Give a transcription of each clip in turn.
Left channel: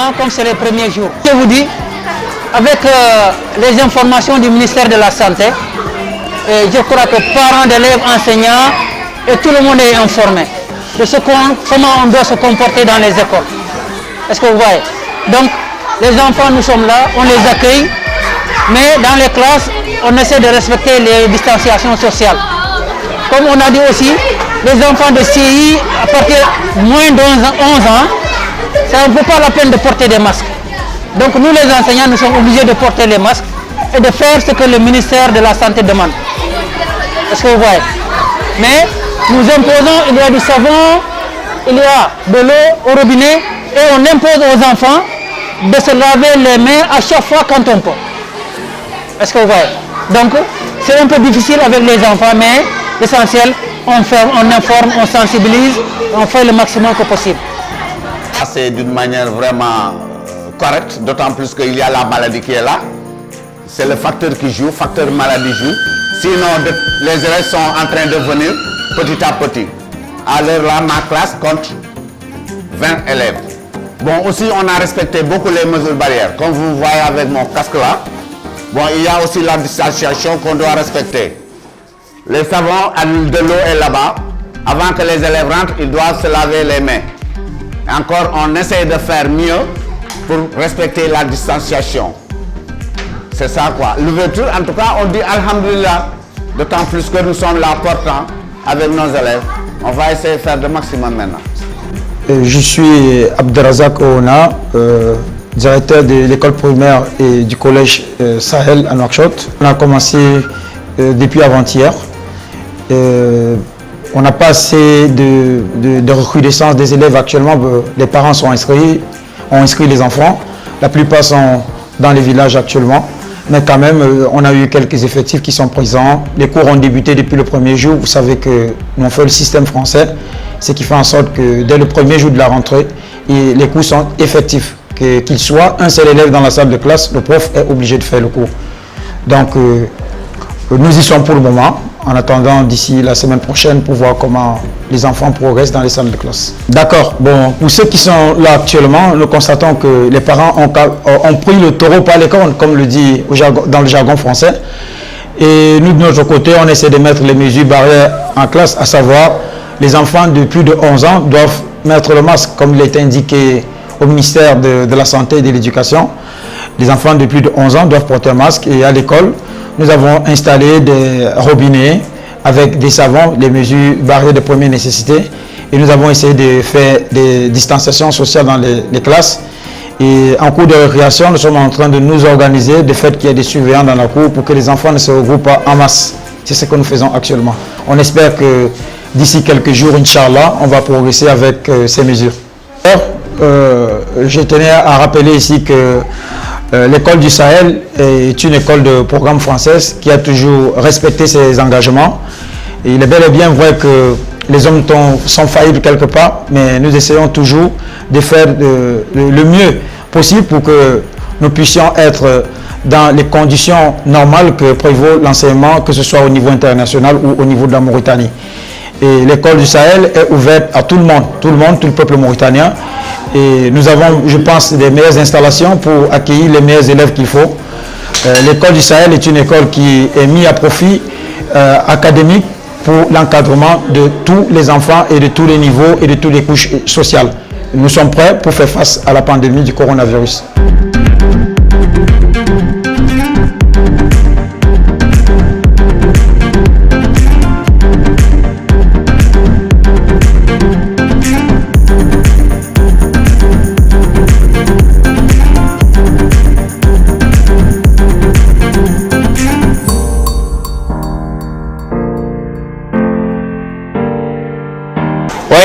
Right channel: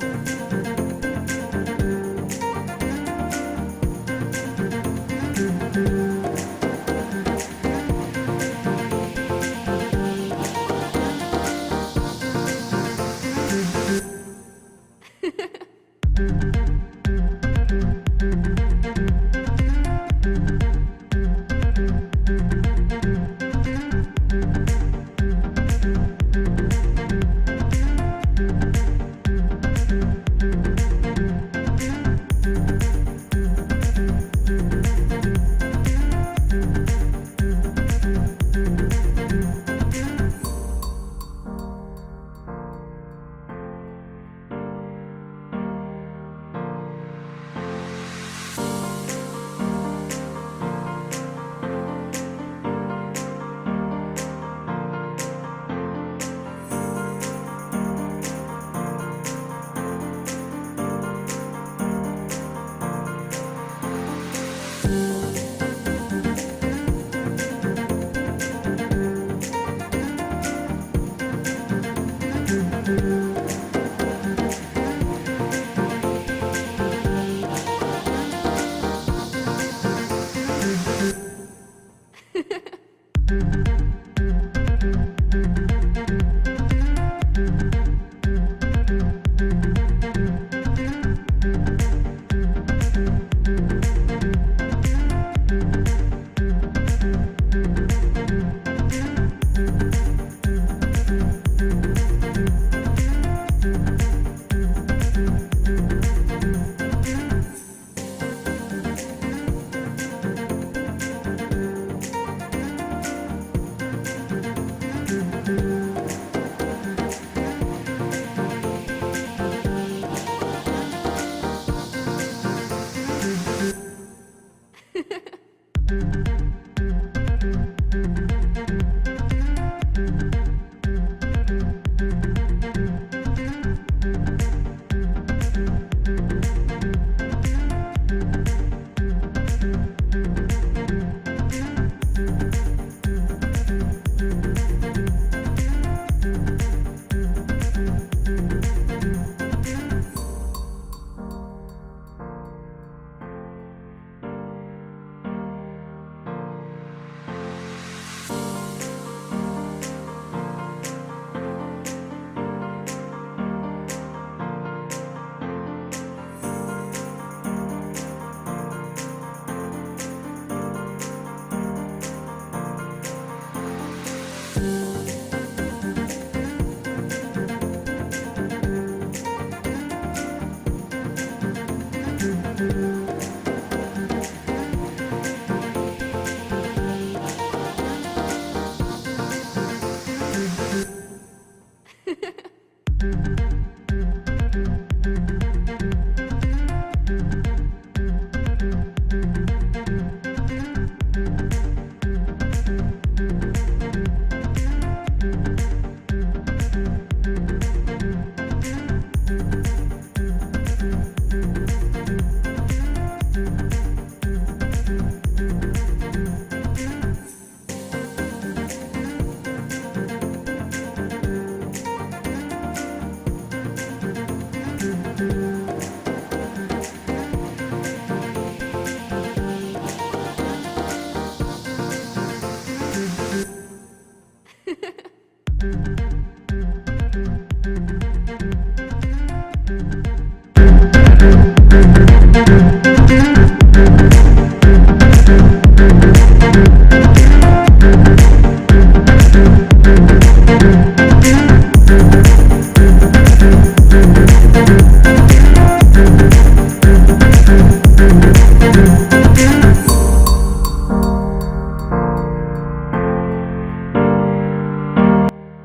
enseignement comme c'est les premiers jours. Je vous dis, avec les informations du ministère de la Santé, je crois que parents d'élèves, enseignants, et tout le monde est informé de comment on doit se comporter dans les écoles. Est-ce que vous voyez? Donc, les enfants, nous sommes là, on les accueille, mais dans les classes, on essaie de respecter les distanciations sociales. Comme on a dit aussi, les enfants de CI, à partir de moins de 11 ans, ça ne vaut pas la peine de porter des masques. Donc nous les enseignants, nous sommes obligés de porter les masques et de faire ce que le ministère de la Santé demande. Est-ce que vous voyez? Mais nous imposons, il y a du savon, il y a de l'eau au robinet et on impose aux enfants de se laver les mains à chaque fois quand on peut. Est-ce que vous voyez? Donc c'est un peu difficile avec les enfants, mais l'essentiel, on informe, on sensibilise, on fait le maximum que possible. C'est d'une manière vraiment correcte, d'autant plus qu'il y a la maladie qui est là. C'est le facteur qui joue, facteur maladie joue. Sinon, les élèves sont en train de venir petit à petit. À l'heure là, ma classe compte 20 élèves. Bon, aussi, on a respecté beaucoup les mesures barrières. Comme vous voyez avec mon casque là, bon, il y a aussi la distanciation qu'on doit respecter. Le savon de l'eau est là-bas. Avant que les élèves rentrent, ils doivent se laver les mains. Encore, on essaie de faire mieux pour respecter la distanciation. C'est ça quoi. L'ouverture, en tout cas, on dit Alhamdulillah. D'autant plus que nous sommes là portant avec nos élèves. On va essayer de faire le maximum maintenant. Je suis Abdelrazak Oona, directeur de l'école primaire et du collège Sahel à Nouakchott. On a commencé depuis avant-hier. On n'a pas assez de recrudescence des élèves actuellement. Les parents sont inscrits, ont inscrit les enfants. La plupart sont dans les villages actuellement. Mais quand même, on a eu quelques effectifs qui sont présents. Les cours ont débuté depuis le premier jour. Vous savez que nous on fait le système français, ce qui fait en sorte que dès le premier jour de la rentrée, les cours sont effectifs. Qu'il soit un seul élève dans la salle de classe, le prof est obligé de faire le cours. Donc, nous y sommes pour le moment, en attendant d'ici la semaine prochaine pour voir comment les enfants progressent dans les salles de classe. D'accord. Bon, pour ceux qui sont là actuellement, nous constatons que les parents ont pris le taureau par les cornes, comme le dit dans le jargon français. Et nous, de notre côté, on essaie de mettre les mesures barrières en classe, à savoir les enfants de plus de 11 ans doivent mettre le masque, comme il est indiqué au ministère de la Santé et de l'Éducation. Les enfants de plus de 11 ans doivent porter un masque et à l'école, nous avons installé des robinets avec des savons, des mesures barrières de première nécessité. Et nous avons essayé de faire des distanciations sociales dans les classes. Et en cours de récréation, nous sommes en train de nous organiser, de fait qu'il y ait des surveillants dans la cour pour que les enfants ne se regroupent pas en masse. C'est ce que nous faisons actuellement. On espère que d'ici quelques jours, Inch'Allah, on va progresser avec ces mesures. Je tenais à rappeler ici que l'école du Sahel est une école de programme française qui a toujours respecté ses engagements. Et il est bel et bien vrai que les hommes sont faillibles quelque part, mais nous essayons toujours de faire le mieux possible pour que nous puissions être dans les conditions normales que prévaut l'enseignement, que ce soit au niveau international ou au niveau de la Mauritanie. Et l'école du Sahel est ouverte à tout le monde, tout le peuple mauritanien. Et nous avons, je pense, des meilleures installations pour accueillir les meilleurs élèves qu'il faut. L'école du Sahel est une école qui est mise à profit académique pour l'encadrement de tous les enfants et de tous les niveaux et de toutes les couches sociales. Nous sommes prêts pour faire face à la pandémie du coronavirus.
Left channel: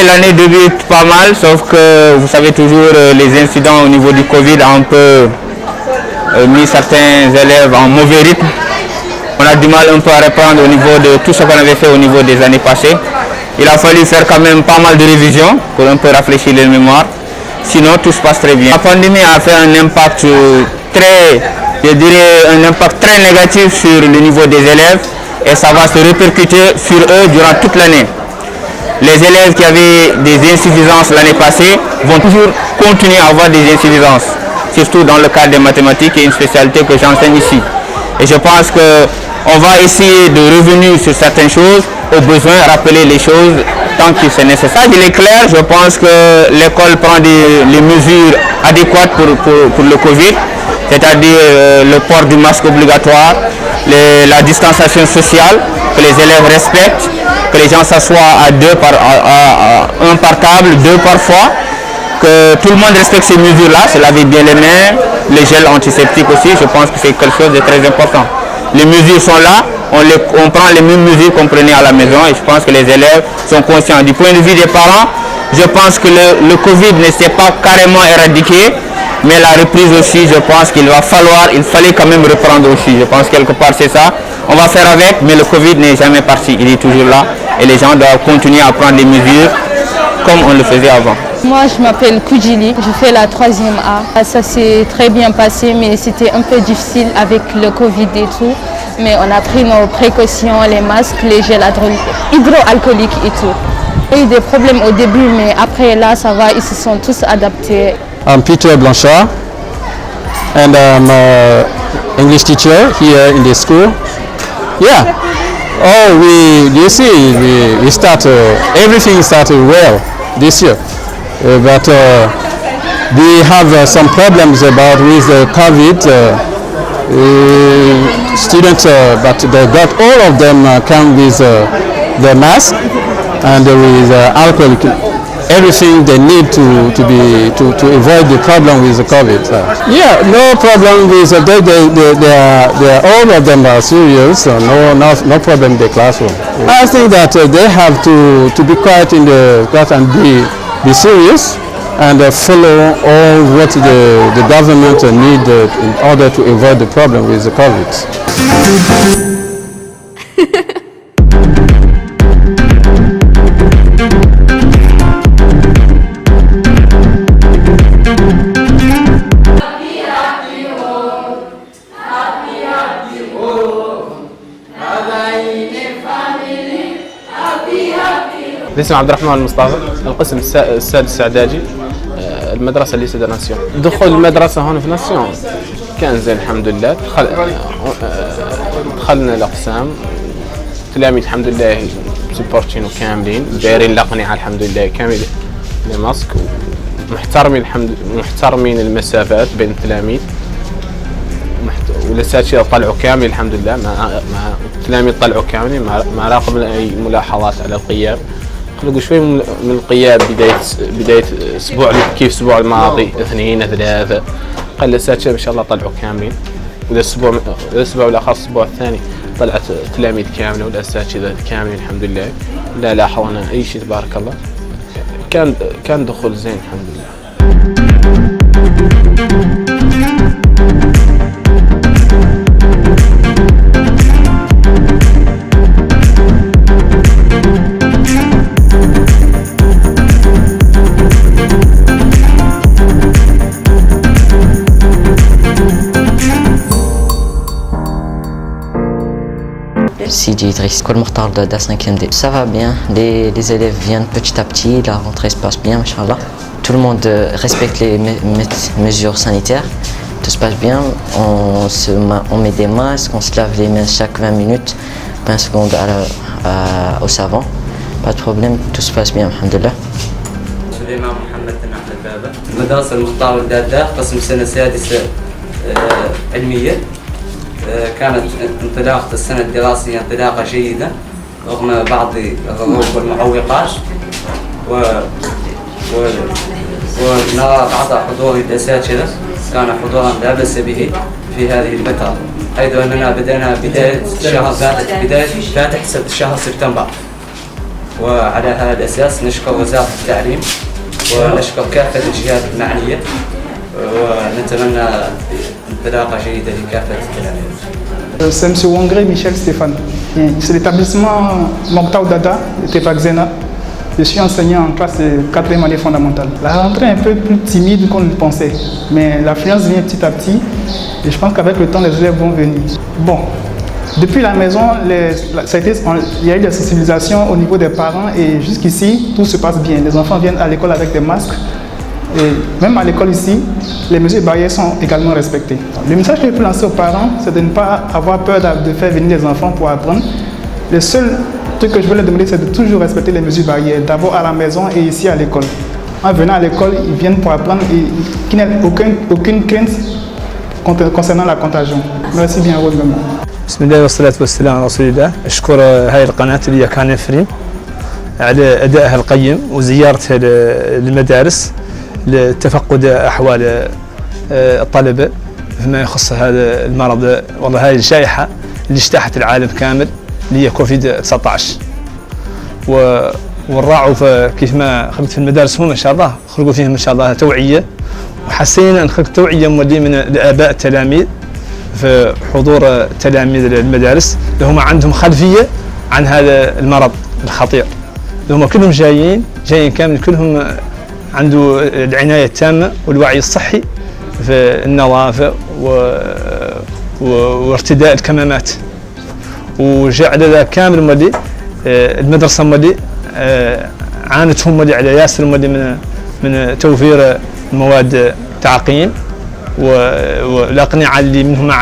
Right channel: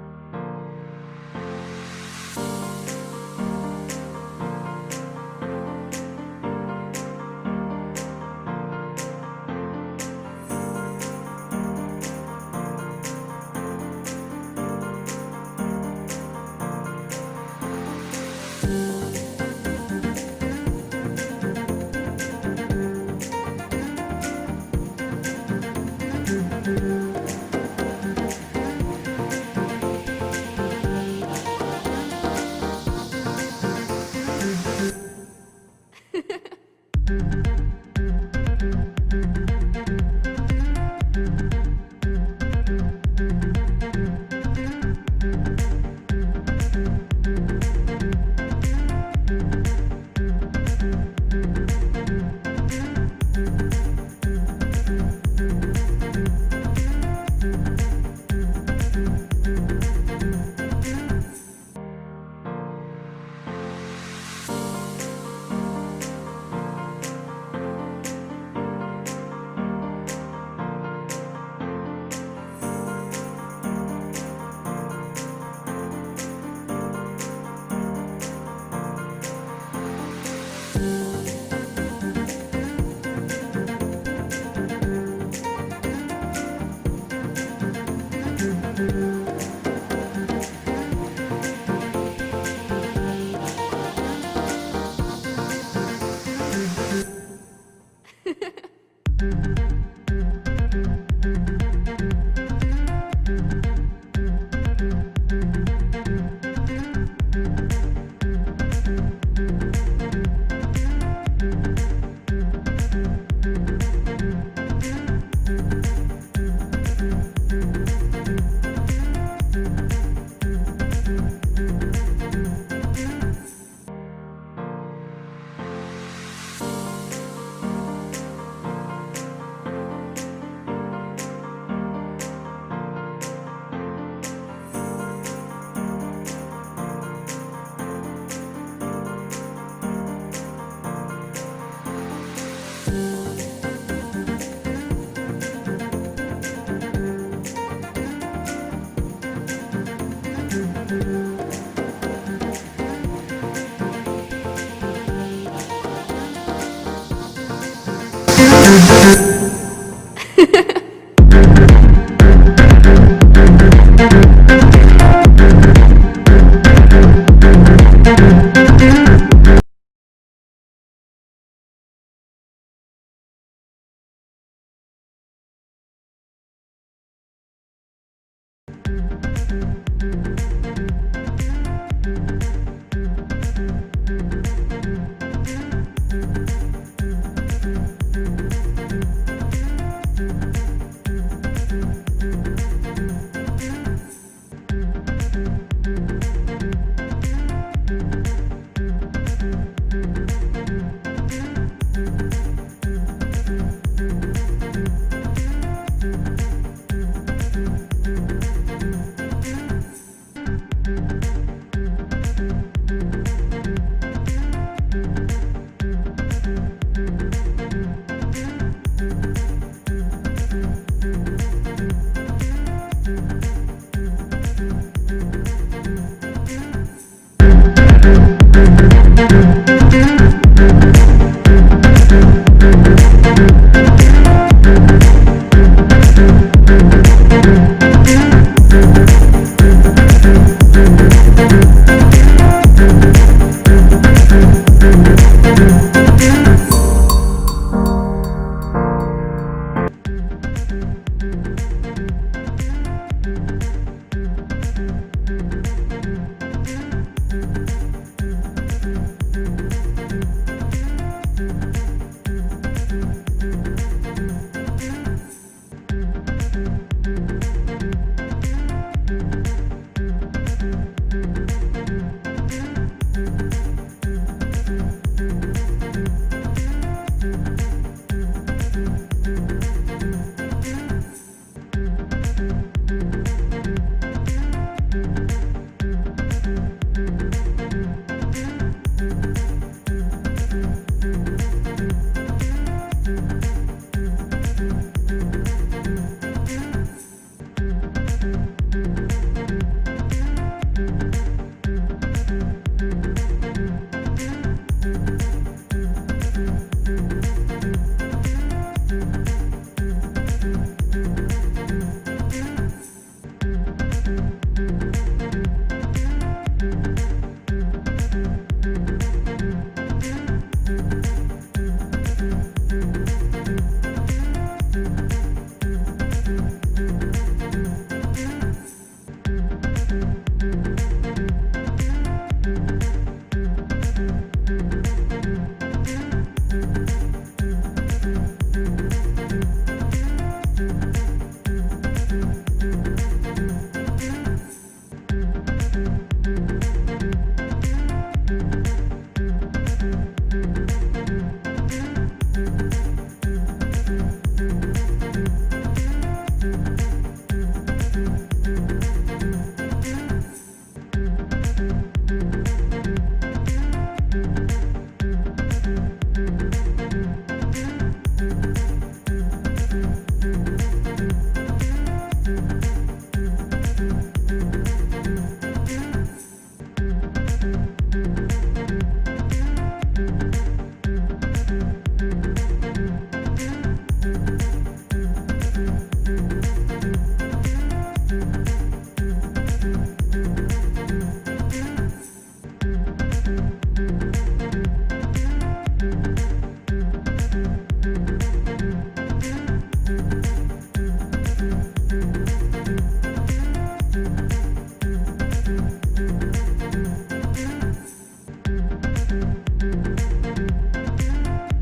L'année débute pas mal, sauf que vous savez toujours les incidents au niveau du Covid ont un peu mis certains élèves en mauvais rythme. On a du mal un peu à reprendre au niveau de tout ce qu'on avait fait au niveau des années passées. Il a fallu faire quand même pas mal de révisions pour un peu rafraîchir les mémoires. Sinon tout se passe très bien. La pandémie a fait un impact un impact très négatif sur le niveau des élèves et ça va se répercuter sur eux durant toute l'année. Les élèves qui avaient des insuffisances l'année passée vont toujours continuer à avoir des incidences, surtout dans le cadre des mathématiques, qui est une spécialité que j'enseigne ici. Et je pense qu'on va essayer de revenir sur certaines choses, au besoin rappeler les choses tant que c'est nécessaire. Il est clair, je pense que l'école prend les mesures adéquates pour le Covid, c'est-à-dire le port du masque obligatoire, la distanciation sociale, que les élèves respectent, que les gens s'assoient à deux un par table, deux par fois, que tout le monde respecte ces mesures-là, se laver bien les mains, les gels antiseptiques aussi, je pense que c'est quelque chose de très important. Les mesures sont là, on prend les mêmes mesures qu'on prenait à la maison et je pense que les élèves sont conscients. Du point de vue des parents, je pense que le Covid ne s'est pas carrément éradiqué, mais la reprise aussi, je pense qu'il fallait quand même reprendre aussi. Je pense quelque part c'est ça. On va faire avec, mais le Covid n'est jamais parti, il est toujours là et les gens doivent continuer à prendre des mesures comme on le faisait avant. Moi, je m'appelle Koudjili, je fais la 3e A. Ça s'est très bien passé, mais c'était un peu difficile avec le Covid et tout. Mais on a pris nos précautions, les masques, les gels hydroalcooliques et tout. Il y a eu des problèmes au début, mais après là, ça va, ils se sont tous adaptés. I'm Peter Blanchard, and I'm an English teacher here in the school. Yeah. Oh, we start, everything started well this year. But we have some problems with the COVID students, but all of them come with the mask and with alcohol, everything they need to avoid the problem with the COVID. Yeah, no problem with all of them are serious, so no problem in the classroom. I think that they have to be quiet in the class and be serious and follow all what the government need in order to avoid the problem with the COVID. اسمي عبد الرحمن المصطفى، القسم السادس اعدادي، المدرسه اللي سيدة ناسيون. دخول المدرسه هون في ناسيون كان زين الحمد لله. دخلنا الاقسام، التلاميذ الحمد لله سبورتين وكاملين، دايرين الاقنعه الحمد لله كامل الماسك، محترمين المسافات بين التلاميذ، والاساتذه طلعوا كامل الحمد لله، التلاميذ طلعوا كاملين ما راقب اي ملاحظات على القيام. قلقوا شوي من القيام بدايه اسبوع كيف الاسبوع الماضي 2 3 قال الاساتذه ما شاء الله طلعوا كاملين، والاسبوع الاخر الاسبوع الثاني طلعت التلاميذ كامله والاساتذه كاملين الحمد لله، لا لاحظنا اي شيء تبارك الله. كان دخول زين الحمد لله. Sidi Idriss, école Mokhtar de la 5e D. Ça va bien, les élèves viennent petit à petit, la rentrée se passe bien, machallah. Tout le monde respecte les mesures sanitaires, tout se passe bien, on met des masques, on se lave les mains chaque 20 minutes, 20 secondes au savon. Pas de problème, tout se passe bien, alhamdulillah. سليمان محمد بن عبد البابا، مدرسة المختار الدادة، قسم سنة سادسة علمية. كانت انطلاقة السنة الدراسية انطلاقة جيدة رغم بعض الظروف والمعوقات، ونرى بعض حضور الأساتذة كان حضورا لا بأس به في هذه الفترة، حيث أننا بدأنا بداية فاتح شهر سبتمبر، وعلى هذا الأساس نشكر وزارة التعليم ونشكر كافة الجهات المعنية، ونتمنى انطلاقة جيدة لكافة التلاميذ. C'est M. Wangre Michel Stéphane. C'est l'établissement Mokhtar Dada de Tefakzena. Je suis enseignant en classe de 4e année fondamentale. La rentrée est un peu plus timide qu'on le pensait, mais l'affluence vient petit à petit et je pense qu'avec le temps, les élèves vont venir. Bon, depuis la maison, il y a eu des sensibilisations au niveau des parents et jusqu'ici, tout se passe bien. Les enfants viennent à l'école avec des masques Et même à l'école ici, les mesures barrières sont également respectées. Le message que je peux lancer aux parents, c'est de ne pas avoir peur de faire venir les enfants pour apprendre. Le seul truc que je veux leur demander, c'est de toujours respecter les mesures barrières, d'abord à la maison et ici à l'école. En venant à l'école, ils viennent pour apprendre et qu'il n'y ait aucune crainte concernant la contagion. Merci bien, heureusement. بسم الله والصلاة والسلام على رسول الله. أشكر هاي القناة اللي هي كان فريم على أدائها القيم وزيارتها للمدارس لتفقد أحوال الطلبة فيما يخص هذا المرض. والله هاي الجائحة اللي اجتاحت العالم كامل اللي هي كوفيد 19 والراعوا كيف ما خدمت في المدارس هم ما شاء الله خلقوا فيهم ما شاء الله توعية وحسينا نخلق توعية مولي من الآباء التلاميذ في حضور تلاميذ المدارس اللي هم عندهم خلفية عن هذا المرض الخطير. هم كلهم جايين كامل كلهم عنده العناية التامة والوعي الصحي في النظافة وارتداء الكمامات. وجاء على ذا كامل مولي المدرسة مولي عانت هم مولي على ياسر مولي من توفير مواد تعقيم والأقنعة اللي منهم ما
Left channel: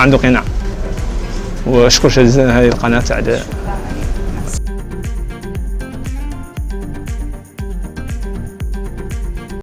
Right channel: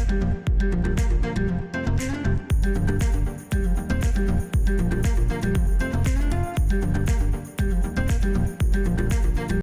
عنده قناع. وأشكر جزيلا هذه القناة على